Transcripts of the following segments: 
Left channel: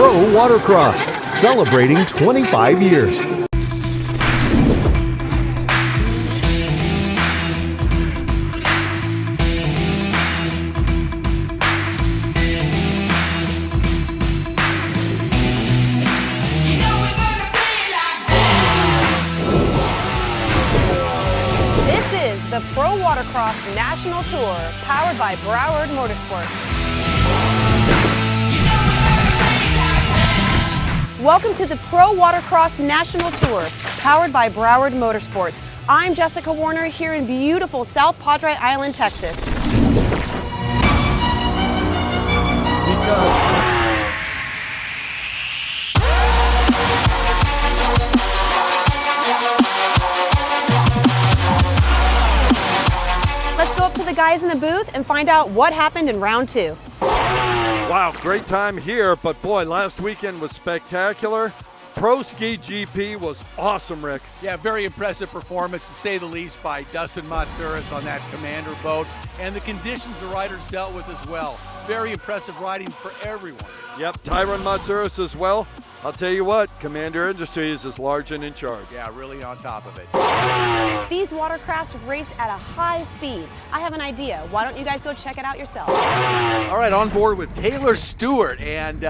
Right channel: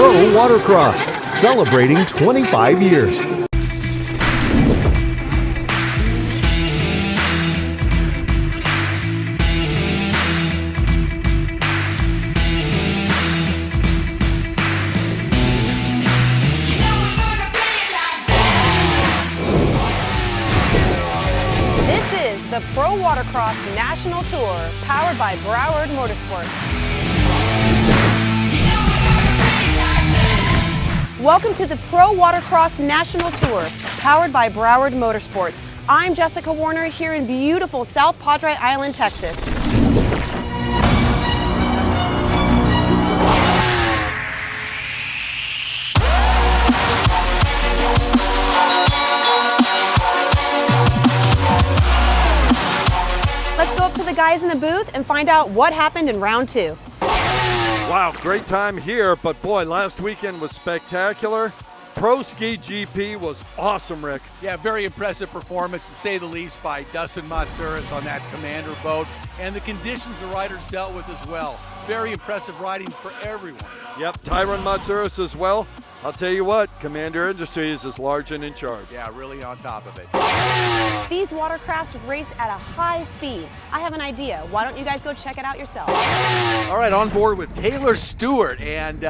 Pro Watercross, celebrating 25 years. This is the Pro Watercross National Tour, powered by Broward Motorsports. Welcome to the Pro Watercross National Tour, powered by Broward Motorsports. I'm Jessica Warner here in beautiful South Padre Island, Texas. Let's go up to the guys in the booth and find out what happened in round two. Wow, great time here, but boy, last weekend was spectacular. Pro Ski GP was awesome, Rick. Yeah, very impressive performance, to say the least, by Dustin Matsouras on that Commander boat, and the conditions the riders dealt with as well. Very impressive riding for everyone. Yep, Tyron Matsouras as well. I'll tell you what, Commander Industries is large and in charge. Yeah, really on top of it. These watercrafts race at a high speed. I have an idea. Why don't you guys go check it out yourself? All right, on board with Taylor Stewart, and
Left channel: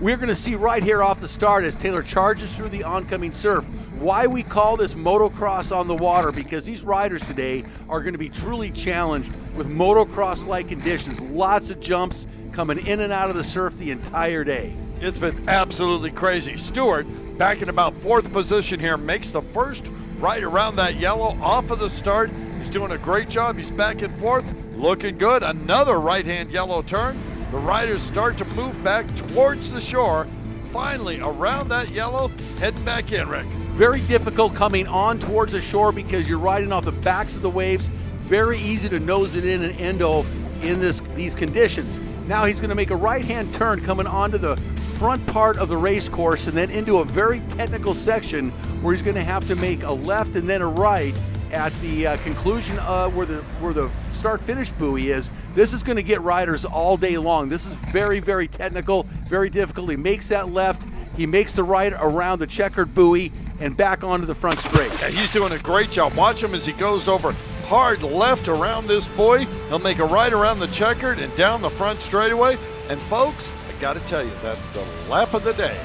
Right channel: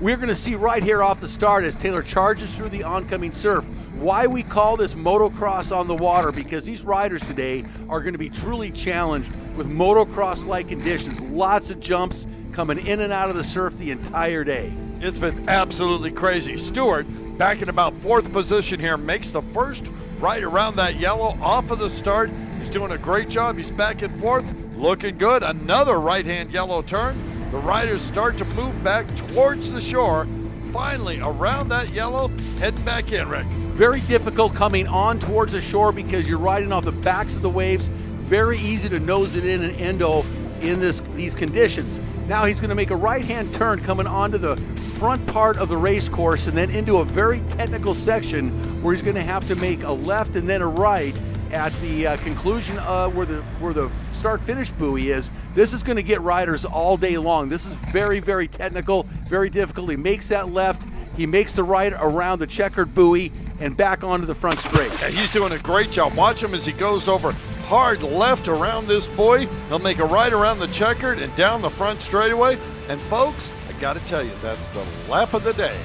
we're going to see right here off the start as Taylor charges through the oncoming surf why we call this motocross on the water, because these riders today are going to be truly challenged with motocross-like conditions. Lots of jumps coming in and out of the surf the entire day. It's been absolutely crazy. Stewart, back in about fourth position here, makes the first right around that yellow off of the start. He's doing a great job. He's back and forth, looking good. Another right-hand yellow turn. The riders start to move back towards the shore. Finally, around that yellow, heading back in, Rick. Very difficult coming on towards the shore because you're riding off the backs of the waves. Very easy to nose it in and endo in these conditions. Now he's going to make a right-hand turn coming onto the front part of the race course and then into a very technical section where he's going to have to make a left and then a right at the conclusion where the start-finish buoy is. This is going to get riders all day long. This is very, very technical, very difficult. He makes that left, he makes the right around the checkered buoy and back onto the front straight. Yeah, he's doing a great job. Watch him as he goes over hard left around this buoy. He'll make a right around the checkered and down the front straightaway. And folks, I got to tell you, that's the lap of the day.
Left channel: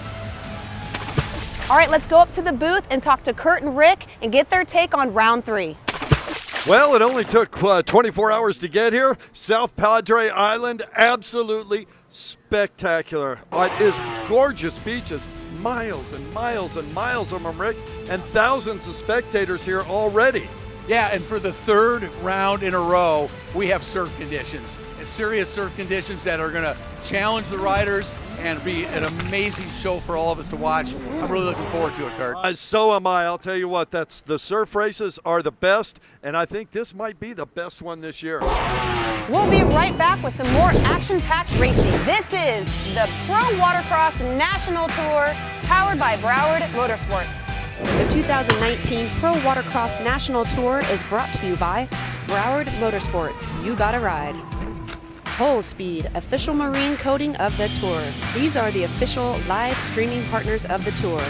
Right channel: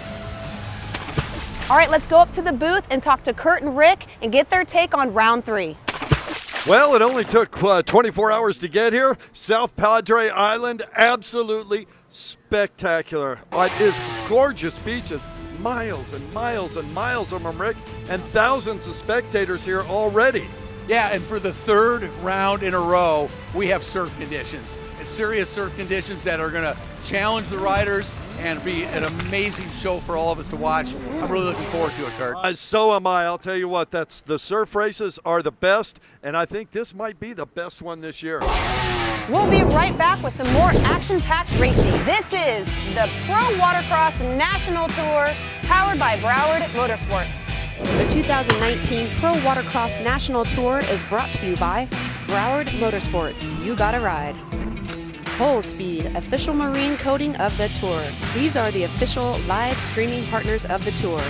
All right, let's go up to the booth and talk to Kurt and Rick and get their take on round three. Well, it only took 24 hours to get here. South Padre Island, absolutely spectacular. It is gorgeous beaches, miles and miles and miles of them, Rick, and thousands of spectators here already. Yeah, and for the third round in a row, we have surf conditions. And serious surf conditions that are going to challenge the riders and be an amazing show for all of us to watch. I'm really looking forward to it, Kurt. So am I. I'll tell you what, the surf races are the best, and I think this might be the best one this year. We'll be right back with some more action-packed racing. This is the Pro Watercross National Tour, powered by Broward Motorsports. The 2019 Pro Watercross National Tour is brought to you by Broward Motorsports. You gotta ride. Whole Speed, official marine coating of the tour. These are the official live streaming partners of the tour.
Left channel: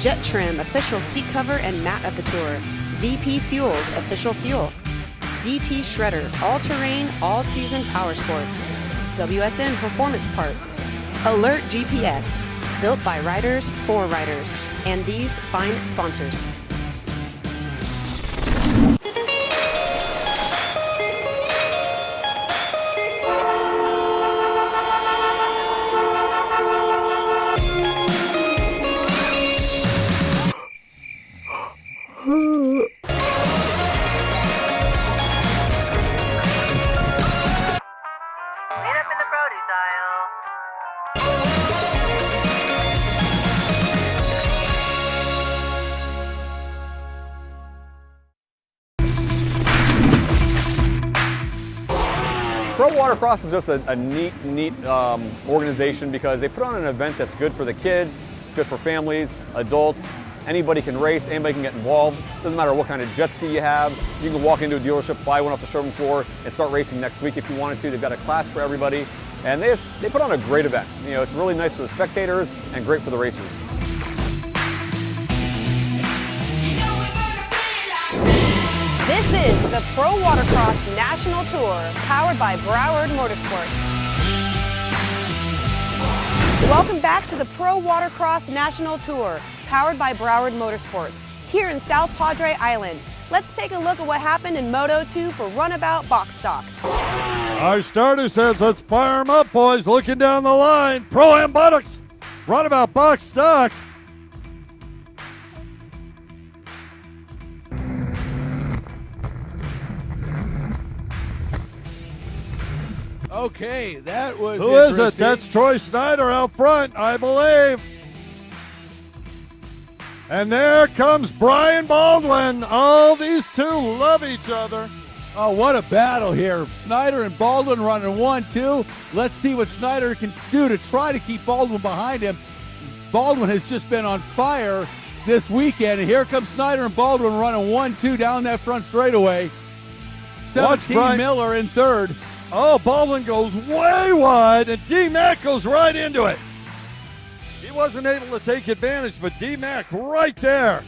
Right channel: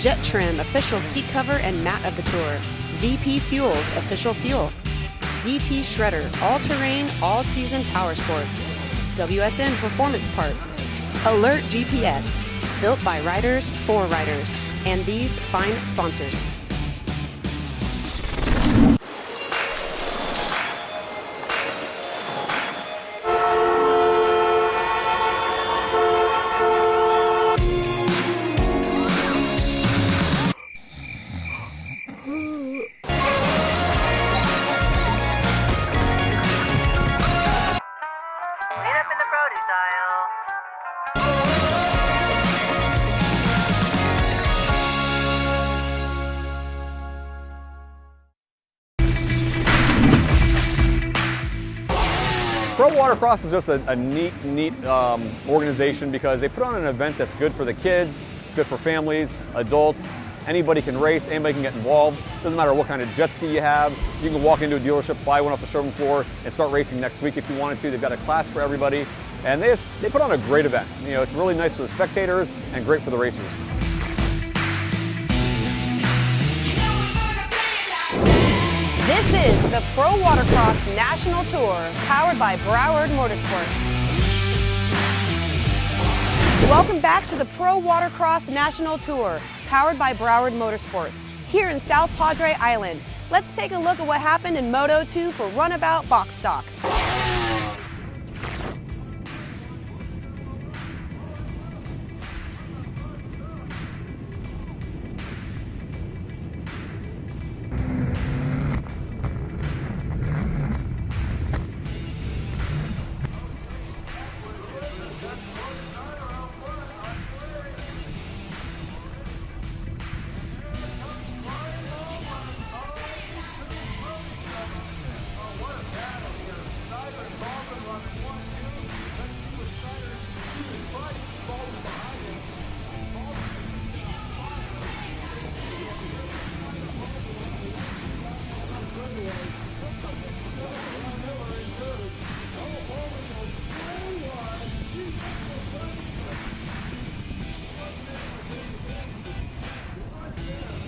Jet Trim, official seat cover and mat of the tour. VP Fuels, official fuel. DT Shredder, all-terrain, all-season power sports. WSN Performance Parts. Alert GPS, built by riders for riders. And these fine sponsors. Pro Watercross is just a neat organization because they put on an event that's good for the kids, it's good for families, adults. Anybody can race, anybody can get involved. Doesn't matter what kind of jet ski you have. You can walk into a dealership, buy one off the showroom floor, and start racing next week if you wanted to. They've got a class for everybody. And they put on a great event. You know, it's really nice for the spectators and great for the racers. This is the Pro Watercross National Tour, powered by Broward Motorsports. Welcome back to the Pro Watercross National Tour, powered by Broward Motorsports, here in South Padre Island. Let's take a look at what happened in Moto 2 for Runabout box stock. Our starter says, let's fire them up, boys. Looking down the line. Pro-Am buttocks. Runabout box stock. Okay, that was Who is it? interesting. That's Troy Snyder out front, I believe. And there comes Brian Baldwin. Oh, these two love each other. Oh, what a battle here. Snyder and Baldwin running 1-2. Let's see what Snyder can do to try to keep Baldwin behind him. Baldwin has just been on fire this weekend. And here comes Snyder and Baldwin running 1-2 down that front straightaway. 17 Miller in third. Oh, Baldwin goes way wide, and D-Mac goes right into it. He wasn't able to take advantage, but D-Mac right there.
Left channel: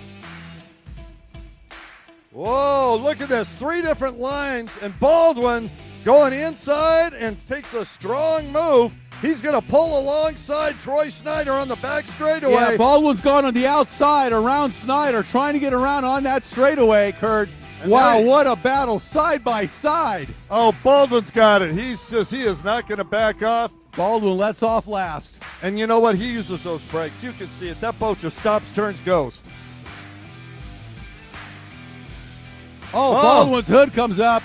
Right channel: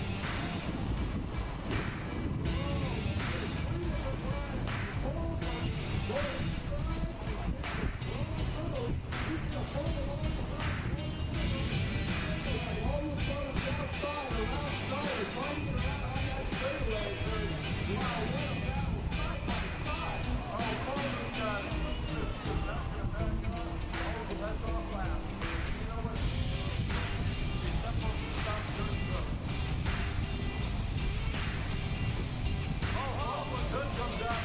Whoa, look at this. 3 different lines, and Baldwin going inside and takes a strong move. He's going to pull alongside Troy Snyder on the back straightaway. Yeah, Baldwin's gone on the outside around Snyder, trying to get around on that straightaway, Kurt. And wow, there- what a battle side by side. Oh, Baldwin's got it. He is not going to back off. Baldwin lets off last. And you know what? He uses those brakes. You can see it. That boat just stops, turns, goes. Oh, Baldwin's hood comes up.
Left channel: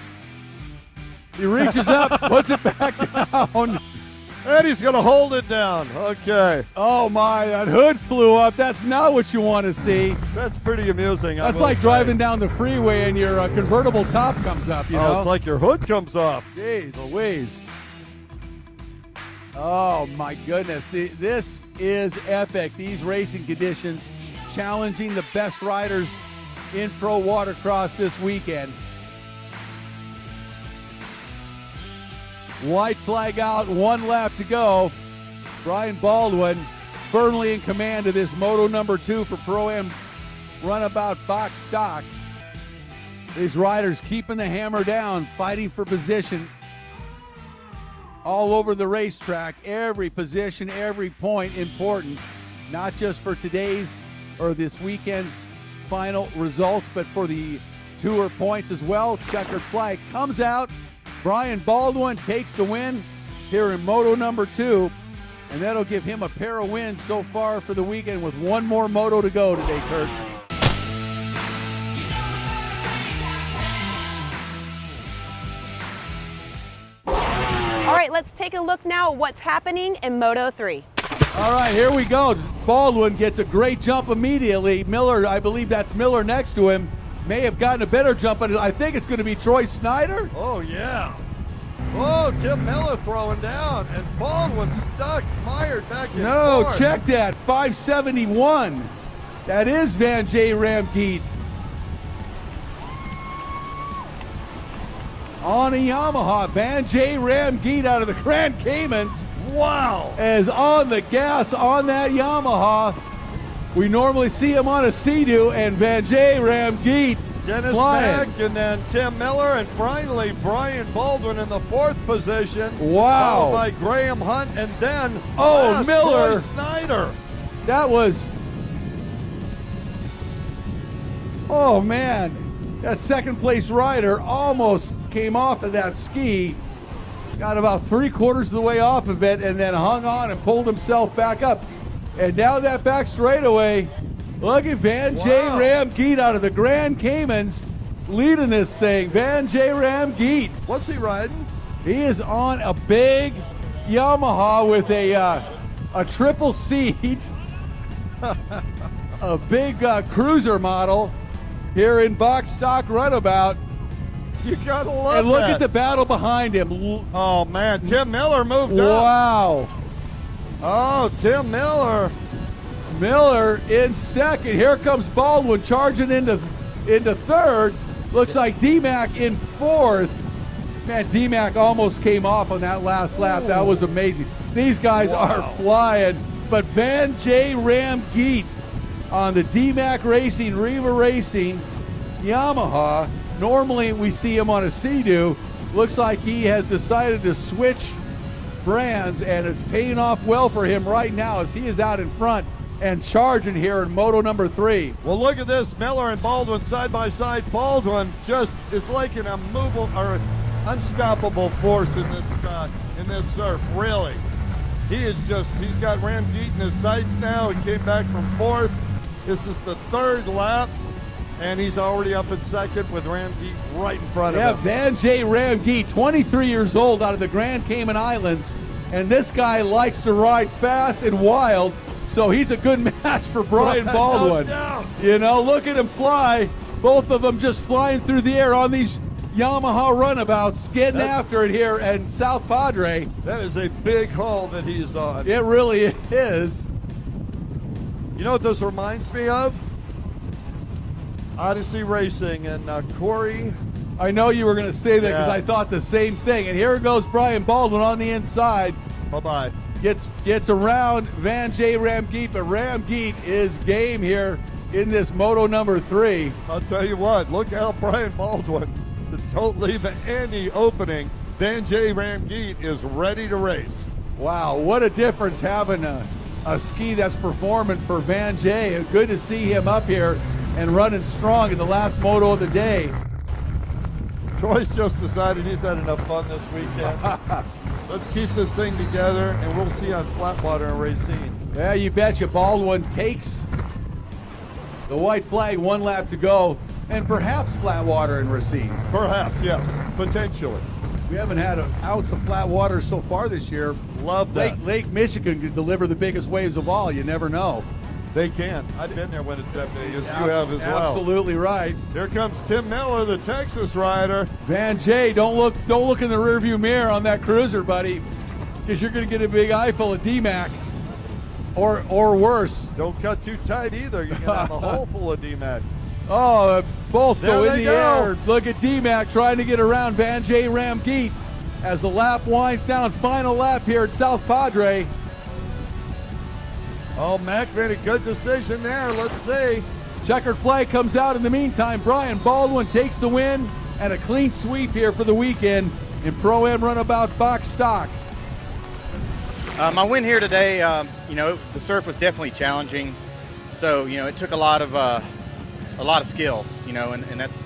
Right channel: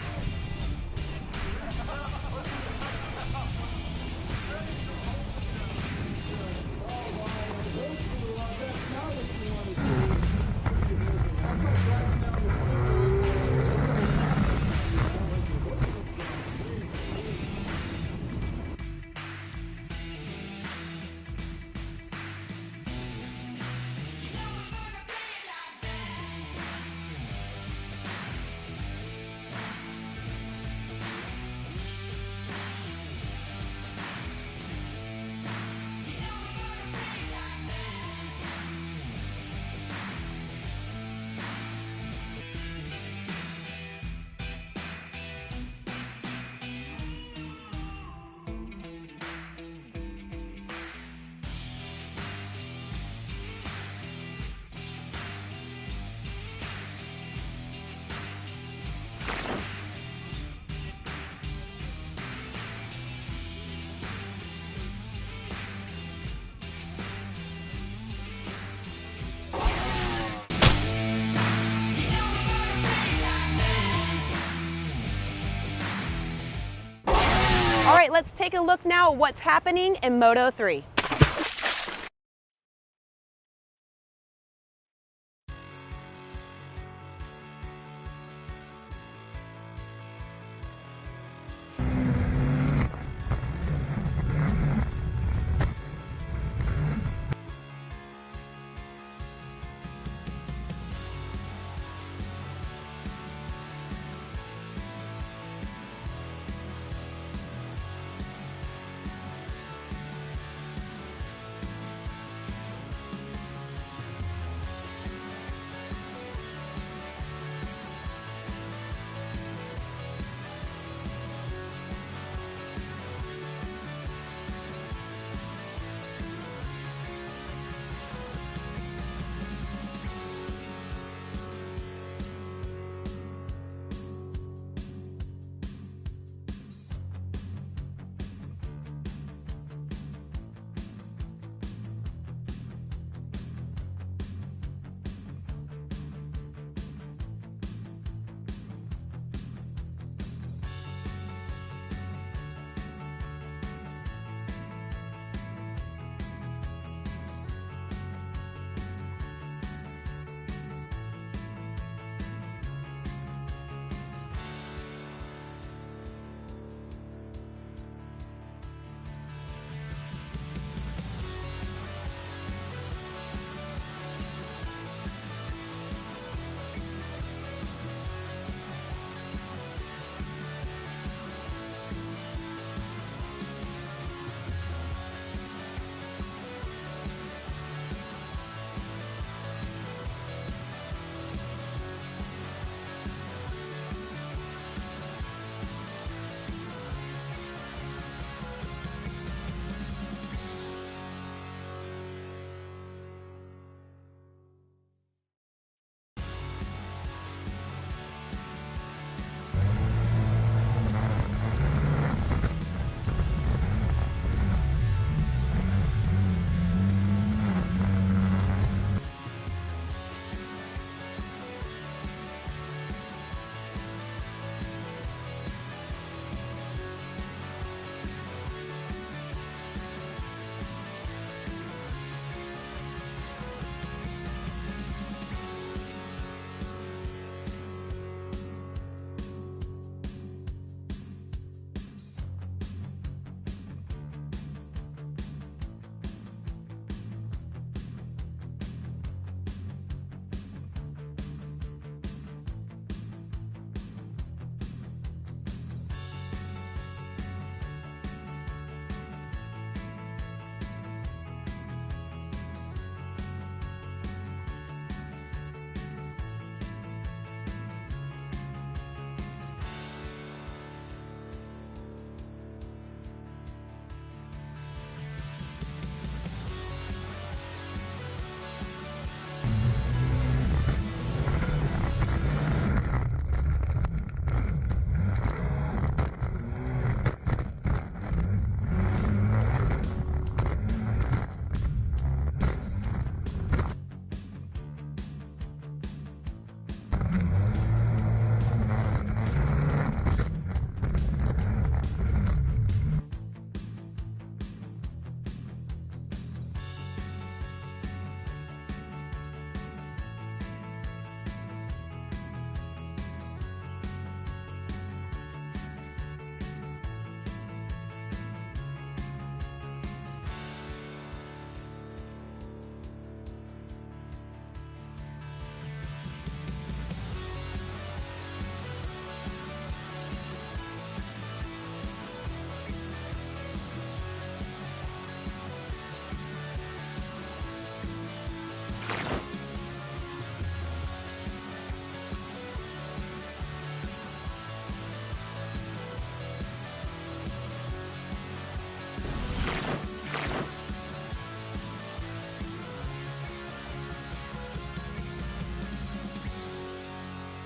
He reaches up, puts it back down. And he's going to hold it down. Okay. Oh my, that hood flew up. That's not what you want to see. That's pretty amusing. That's like driving down the freeway and your convertible top comes up, you know? It's like your hood comes off. Jeez Louise. Oh my goodness, this is epic. These racing conditions challenging the best riders in Pro Watercross this weekend. White flag out, 1 lap to go. Brian Baldwin firmly in command of this Moto number 2 for Pro-Am Runabout box stock. These riders keeping the hammer down, fighting for position all over the racetrack. Every position, every point important, not just for today's or this weekend's final results, but for the tour points as well. Checkered flag comes out. Brian Baldwin takes the win here in Moto number 2, and that'll give him a pair of wins so far for the weekend with 1 more Moto to go today, Kurt. All right, let's take a look now at what's happening in Moto 3. All right, here we go. Baldwin gets a great jump immediately. Miller, I believe that's Miller next to him, may have gotten a better jump, but I think it's going to be Troy Snyder. Oh, yeah. Oh, Tim Miller throwing down, and Baldwin stuck, fired back and No, forth. check that, 571. That is Van J. Ramkeet. On a Yamaha, Van J. Ramkeet out of the Grand Caymans. Wow. Is on the gas on that Yamaha. We normally see him on a Sea-Doo, and Van J. Ramkeet Dennis flying. Mack, and then Tim Miller, and finally Brian Baldwin in the 4th position. Wow. Followed by Graham Hunt, and then Oh, Miller. Troy Snyder. That was, oh man, that 2nd place rider almost came off of that ski, got about 3/4 of the way off of it, and then hung on and pulled himself back up. And down that back straightaway, look at Van J. Wow. Ramkeet out of the Grand Caymans leading this thing. Van J. Ramkeet. What's he riding? He is on a big Yamaha with a triple seat, a big cruiser model here in box stock Runabout. You gotta love And look that. at the battle behind him. Oh man, Tim Miller moved up. Wow. Oh, Tim Miller. Miller in 2nd. Here comes Baldwin charging into 3rd. Looks like D-Mac in 4th. Man, D-Mac almost came off on that last lap. That was amazing. These guys are flying. But Van J. Ramgeet on the D-Mac Racing, Riva Racing, Yamaha. Normally we see him on a Sea-Doo. Looks like he has decided to switch brands, and it's paying off well for him right now as he is out in front and charging here in Moto number 3. Well, look at this. Miller and Baldwin side by side. Baldwin just is like an immovable or unstoppable force in this surf, really. He's got Ramgeet in his sights now. He came back from 4th. This is the 3rd lap, and he's already up in 2nd with Ramgeet right in front of him. Yeah, Van J. Ramgeet, 23 years old, out of the Grand Cayman Islands, and this guy likes to ride fast and wild, so he's a good match for Brian Baldwin. You know, look at him fly. Both of them just flying through the air on these Yamaha runabouts, getting after it here in South Padre. That is a big hull that he's on. It really is. You know what this reminds me of? Odyssey Racing and Corey. I know you were going to say that because I thought the same thing. And here goes Brian Baldwin on the inside. Bye-bye. Gets around Van J. Ramgeet, but Ramgeet is game here in this Moto number 3. I'll tell you what, look how Brian Baldwin, don't leave any opening. Van J. Ramgeet is ready to race. Wow, what a difference having a ski that's performing for Van J. Good to see him up here and running strong in the last moto of the day. Troy's just decided he's had enough fun this weekend. Let's keep this thing together, and we'll see on Flatwater and Racine. Yeah, you betcha. Baldwin takes the white flag, 1 lap to go, and perhaps Flatwater and Racine. Perhaps, yes, potentially. We haven't had an ounce of flat water so far this year. Love that. Lake Michigan could deliver the biggest waves of all. You never know. They can. I've been there when it's that big, as you have as well. Absolutely right. Here comes Tim Miller, the Texas rider. Van J, don't look in the rearview mirror on that cruiser, buddy, because you're going to get a big eye full of D-Mac, or worse. Don't cut too tight either. You're going to have a hole full of D-Mac. Oh, both go in the air. Look at D-Mac trying to get around Van J. Ramgeet as the lap winds down. Final lap here at South Padre. Oh, Mac made a good decision there. Let's see. Checkered flag comes out in the meantime. Brian Baldwin takes the win and a clean sweep here for the weekend in Pro-Am Runabout box stock. My win here today, you know, the surf was definitely challenging. So, you know, it took a lot of skill, you know, and that's,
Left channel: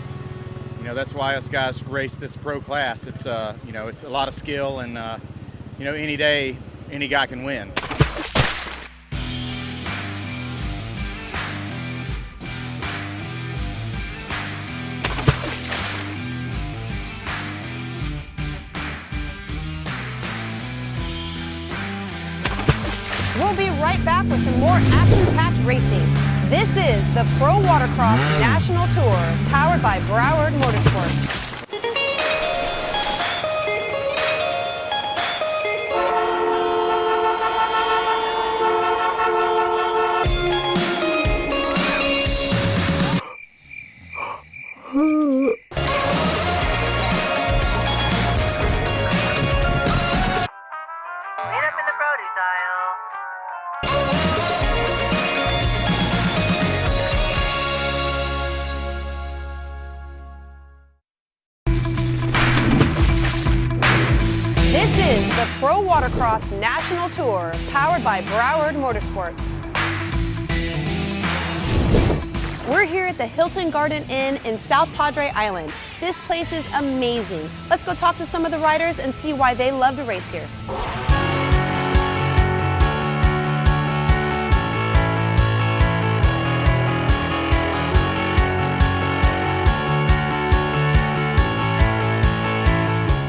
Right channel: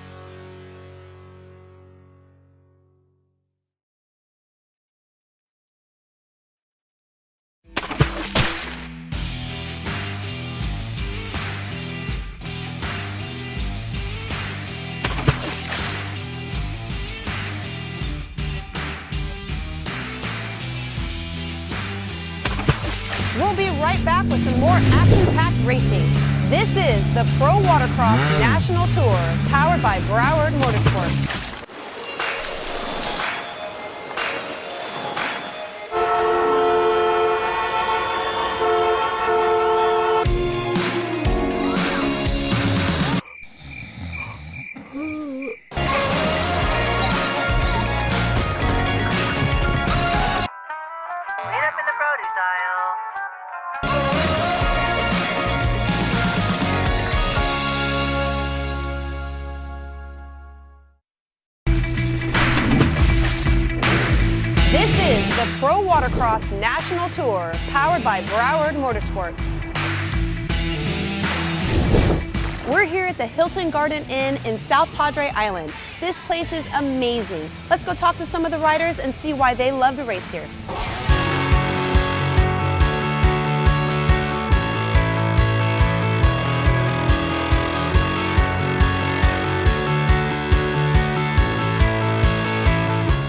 you know, that's why us guys race this pro class. It's, you know, it's a lot of skill, and, you know, any day, any guy can win. We'll be right back with some more action-packed racing. This is the Pro Watercross National Tour, powered by Broward Motorsports. Meet up in the produce aisle. This is the Pro Watercross National Tour, powered by Broward Motorsports. We're here at the Hilton Garden Inn in South Padre Island. This place is amazing. Let's go talk to some of the riders and see why they love to race here.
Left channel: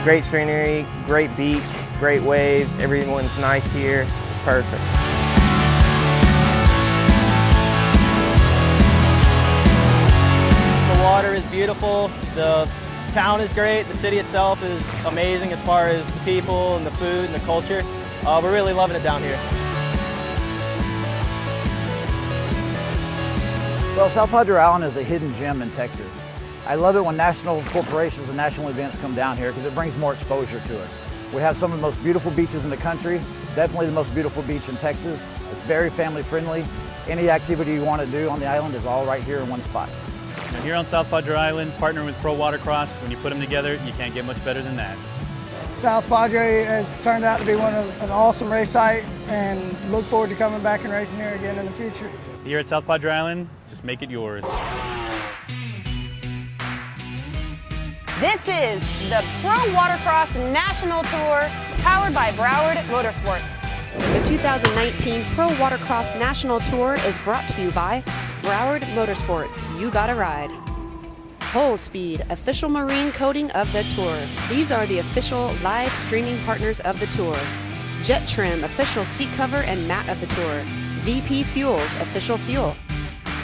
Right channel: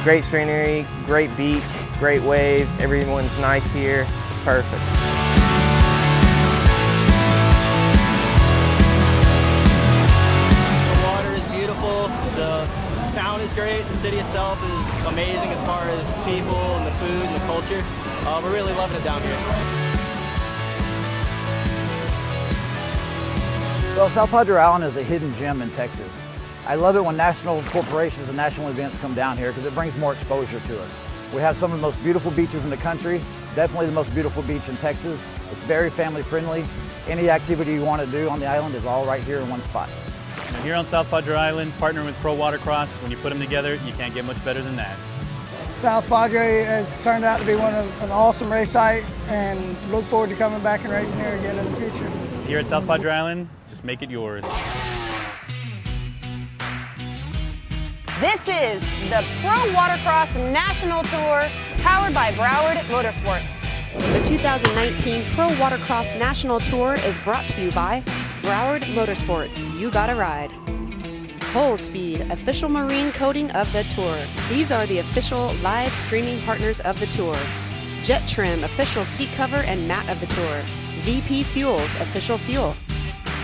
Great scenery, great beach, great waves, everyone's nice here, it's perfect. The water is beautiful, the town is great, the city itself is amazing as far as people and the food and the culture. We're really loving it down here. Well, South Padre Island is a hidden gem in Texas. I love it when national corporations and national events come down here because it brings more exposure to us. We have some of the most beautiful beaches in the country, definitely the most beautiful beach in Texas. It's very family friendly. Any activity you want to do on the island is all right here in one spot. Now here on South Padre Island, partnering with Pro Watercross, when you put them together, you can't get much better than that. South Padre has turned out to be an awesome race site, and look forward to coming back and racing here again in the future. Here at South Padre Island, just make it yours. This is the Pro Watercross National Tour, powered by Broward Motorsports. The 2019 Pro Watercross National Tour is brought to you by Broward Motorsports. You gotta ride. Whole Speed, official marine coating of the tour. These are the official live streaming partners of the tour. Jet Trim, official seat cover and mat of the tour. VP Fuels, official fuel.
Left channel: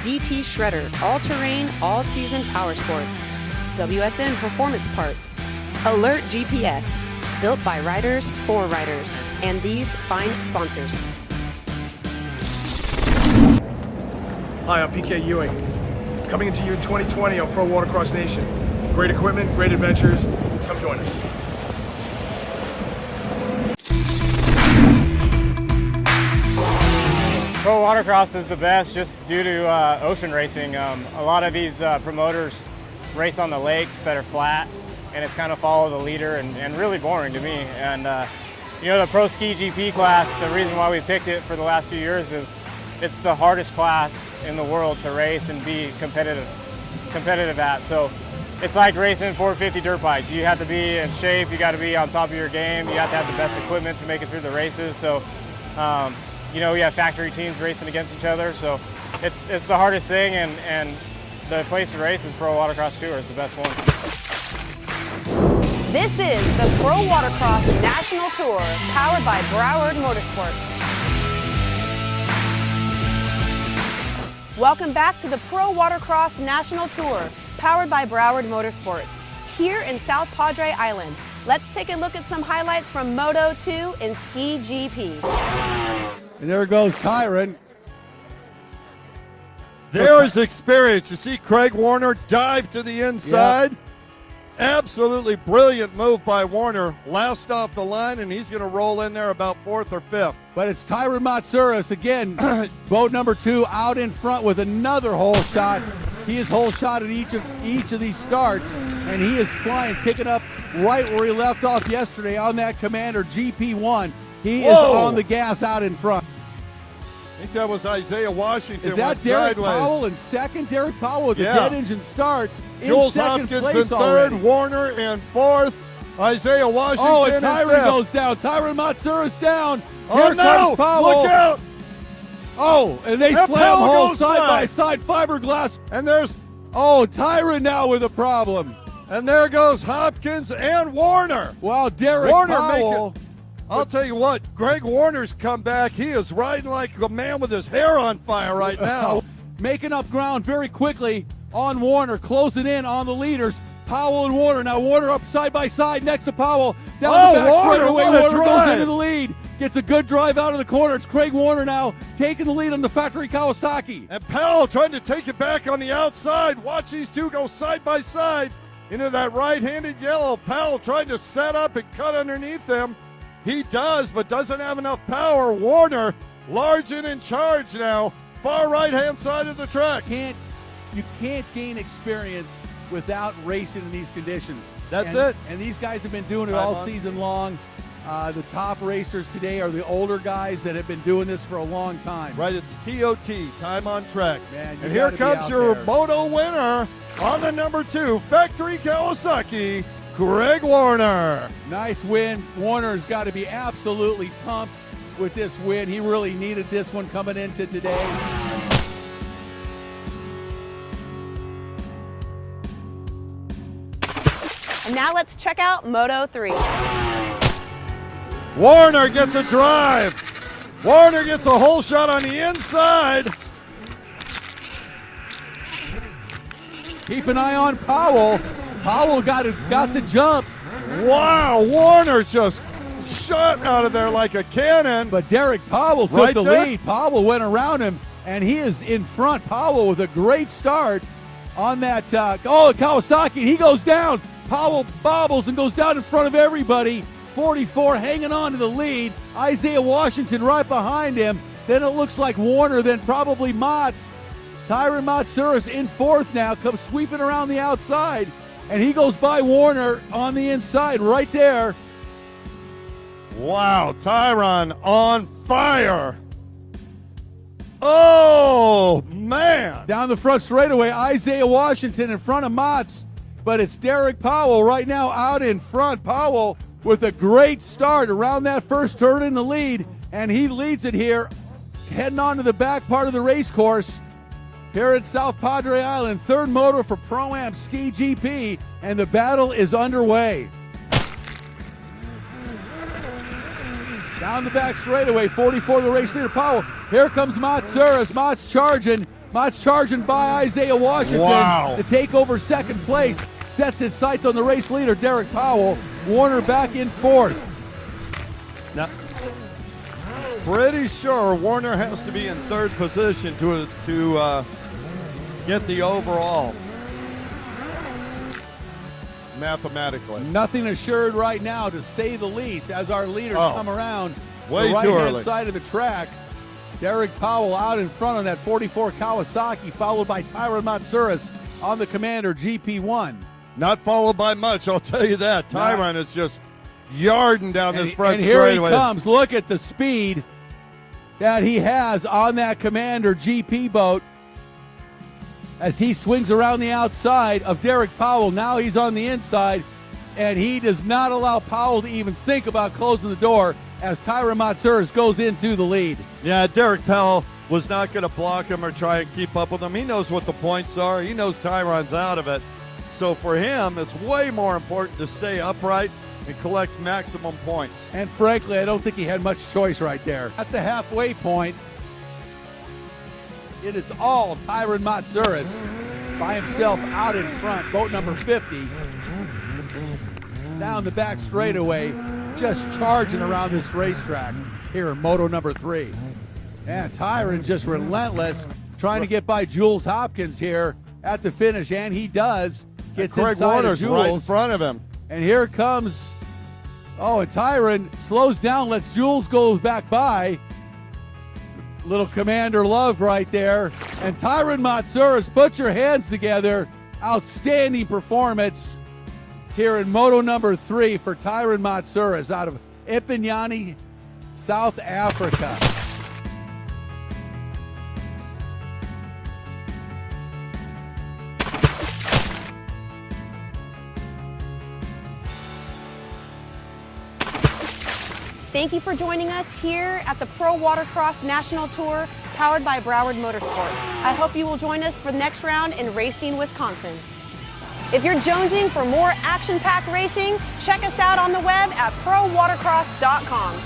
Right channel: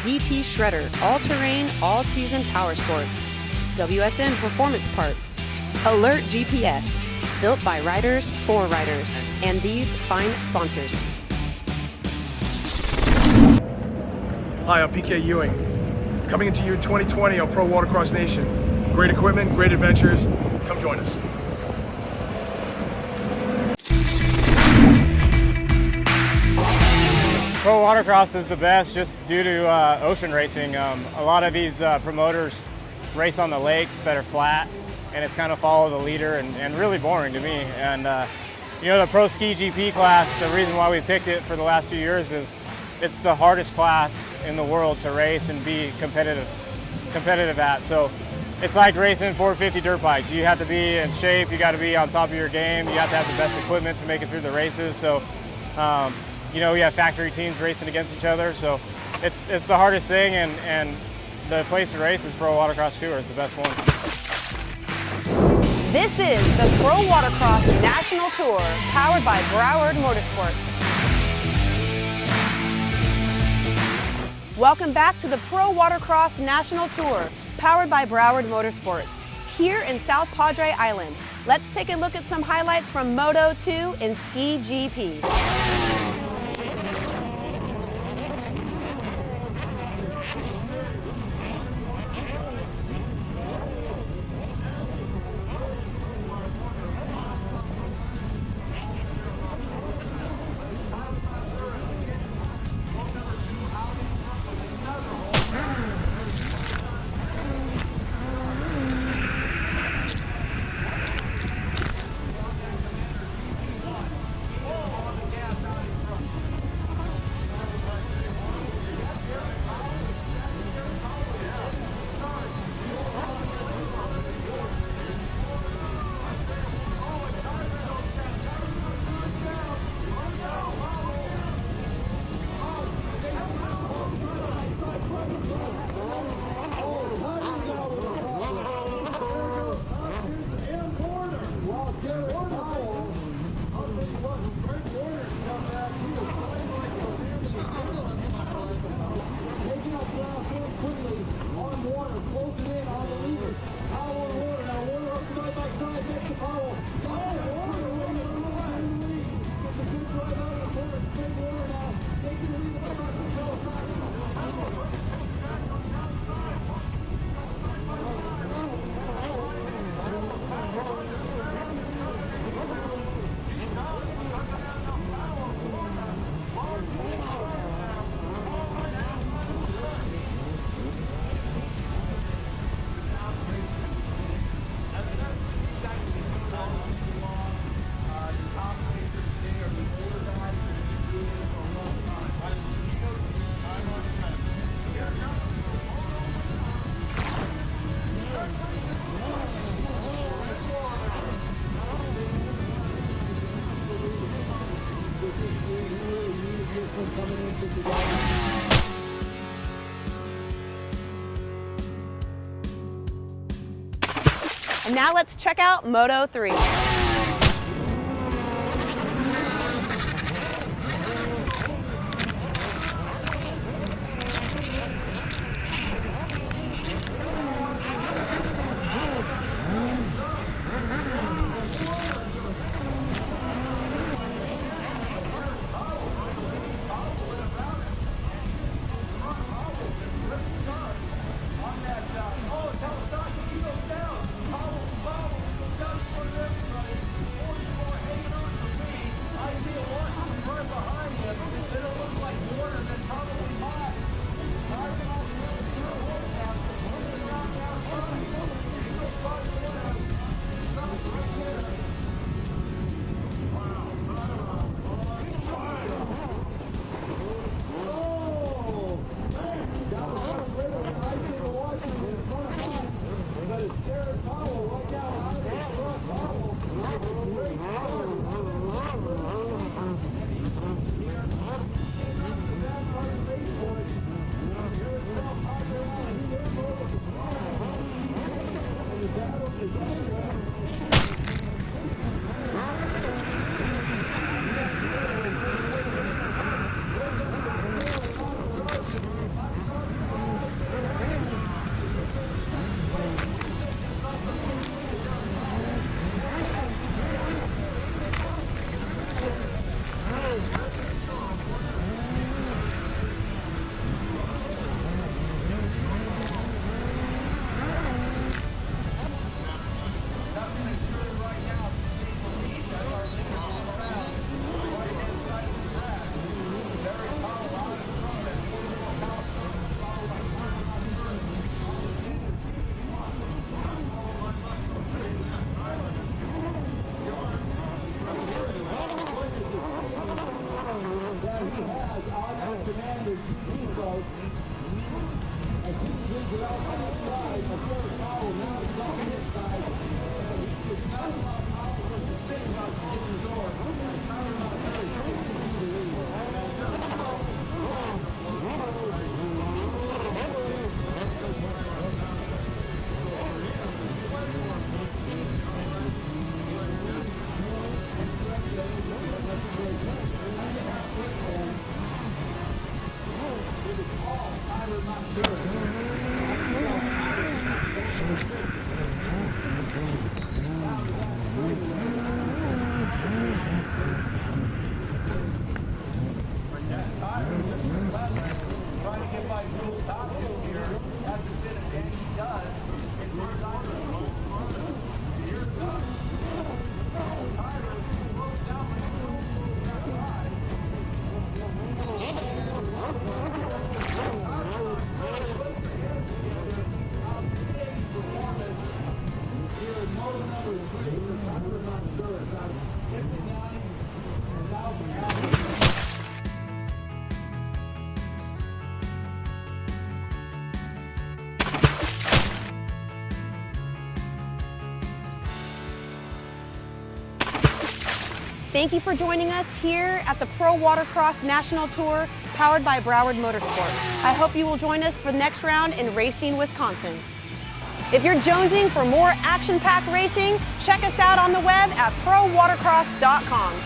DT Shredder, all-terrain, all-season power sports. WSN Performance Parts. Alert GPS, built by riders for riders. And these fine sponsors. Hi, I'm PK Ewing. Coming into you in 2020 on Pro Watercross Nation. Great equipment, great adventures. Come join us. Pro Watercross is the best just due to ocean racing. A lot of these promoters race on the lakes that are flat, and it's kind of follow the leader and really boring to me. And you know, the Pro Ski GP class, the reason why we picked it for the last few years is it's the hardest class in the world to race and be competitive at. So it's like racing 450 dirt bikes. You have to be in shape, you got to be on top of your game, you have to have the best equipment to make it through the races. So you know, we have factory teams racing against each other, so it's the hardest thing, and the place to race is Pro Watercross Tour. It's the best one. This is the Pro Watercross National Tour, powered by Broward Motorsports. Welcome back to the Pro Watercross National Tour, powered by Broward Motorsports, here in South Padre Island. Let's take a look at some highlights from Moto 2 and Ski GP. There goes Tyron. There's experience. You see Craig Warner dive to the inside. Yep. Absolutely brilliant move by Warner. Last off the line, and he's going to roll in there about 4th or 5th. But it's Tyron Matsouras again, boat number 2 out in front with another hole shot. He is hole shot at each of these starts, and he is flying, picking up right where he left off yesterday on that Commander GP1. He is on the gas out in front. I think that was Isaiah Washington. Is that Derek Powell in second? Derek Powell with the dead engine start. Jules Hopkins in 3rd, Warner in 4th, Isaiah Washington. Oh, and Tyron goes down. Tyron Matsouras down. Here comes Powell. Look out! Oh, and they slam holes side by side, fiberglass. And there's Tyron now with a problem. And there goes Hopkins and Warner. Wow, Derek Powell. I'll tell you what, Greg Warner's come back. He is riding like the man with his hair on fire right now. Making up ground very quickly on Warner, closing in on the leaders. Powell and Warner. Now Warner up side by side next to Powell. Down the back straightaway. Warner goes into the lead. Gets a good drive out of the corner. It's Craig Warner now taking the lead on the factory Kawasaki. And Powell trying to take it back on the outside. Watch these two go side by side into that right-handed yellow. Powell tried to set up and cut underneath them. He does, but doesn't have enough power. Warner, large and in charge now. Far right-hand side of the track. You can't gain experience without racing in these conditions. That's it. And these guys have been doing it all season long. The top racers today are the older guys that have been doing this for a long time. Right, it's TOT, time on track. And here comes your Moto winner on the number 2, Factory Kawasaki, Greg Warner. Nice win. Warner's got to be absolutely pumped with this win. He really needed this one coming into today. And now let's check out Moto 3. Warner gets a drive. Warner gets a hole shot on the inside. Keep an eye on Powell. Powell got the jump. Wow, Warner just shot out of there like a cannon. But Derek Powell took the lead. Powell went around him, and he is in front. Powell with a great start. on that, Kawasaki. He goes down. Powell bobbles and goes down in front of everybody. 44 hanging on to the lead. Isaiah Washington right behind him. Then it looks like Warner, then probably Motts. Tyron Matsuris in fourth now, comes sweeping around the outside. And he goes by Warner on the inside right there. Wow, Tyron on fire. Oh, man. Down the front straightaway, Isaiah Washington in front of Motts. But it's Derek Powell right now out in front. Powell with a great start around that first turn in the lead. And he leads it here, heading on to the back part of the race course. Here at South Padre Island, third moto for Pro-Am Ski GP, and the battle is underway. Down the back straightaway, 44 the race leader Powell. Here comes Matsuris. Motts charging by Isaiah Washington to take over second place. Sets its sights on the race leader, Derek Powell. Warner back in fourth. Now, pretty sure Warner has to be in third position to get the overall. Mathematically. Nothing assured right now, to say the least, as our leaders come around way the too right-hand early. side of the track. Derek Powell out in front on that 44 Kawasaki, followed by Tyron Matsuris on the Commander GP1. Not followed by much, I'll tell you that. Tyron is just yarding down this front And here straightaway. he comes. Look at the speed that he has on that Commander GP boat as he swings around the outside of Derek Powell. Now he's on the inside, and he does not allow Powell to even think about closing the door as Tyron Matsuris goes into the lead. Yeah, Derek Powell was not going to block him or try and keep up with him. He knows what the points are. He knows Tyron's out of it. So for him, it's way more important to stay upright and collect maximum points. And frankly, I don't think he had much choice right there. At the halfway point, it is all Tyron Matsuris by himself out in front, boat number 50. Down the back straightaway, just charging around this racetrack here in Moto number 3. And Tyron just relentless, trying to get by Jules Hopkins here at the finish, and he does. Gets Greg inside Warner's of Jules. right in front of him. And here comes, and Tyron slows down, lets Jules go back by. Little Commander Love right there. And Tyron Matsuris, put your hands together. Outstanding performance here in Moto number 3 for Tyron Matsuris out of Ipinyani, South Africa. Thank you for joining us here at the Pro Watercross National Tour, powered by Broward Motorsports. I hope you will join us for the next round in Racine, Wisconsin. If you're jonesing for more action-packed racing, check us out on the web at prowatercross.com.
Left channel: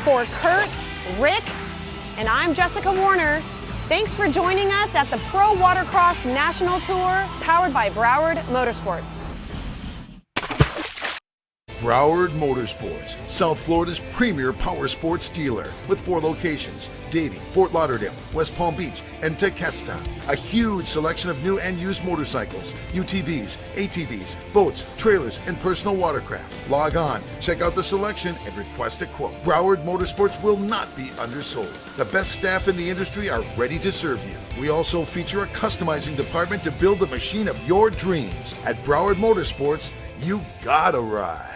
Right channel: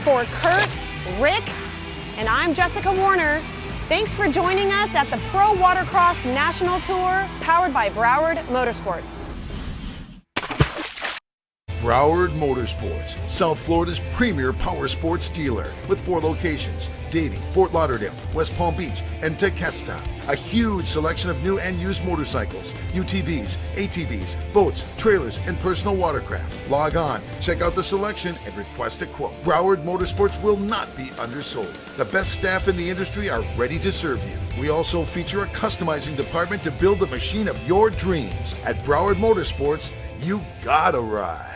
For Kurt, Rick, and I'm Jessica Warner, thanks for joining us at the Pro Watercross National Tour, powered by Broward Motorsports. Broward Motorsports, South Florida's premier power sports dealer with 4 locations: Davie, Fort Lauderdale, West Palm Beach, and Tequesta. A huge selection of new and used motorcycles, UTVs, ATVs, boats, trailers, and personal watercraft. Log on, check out the selection, and request a quote. Broward Motorsports will not be undersold. The best staff in the industry are ready to serve you. We also feature a customizing department to build the machine of your dreams. At Broward Motorsports, you gotta ride.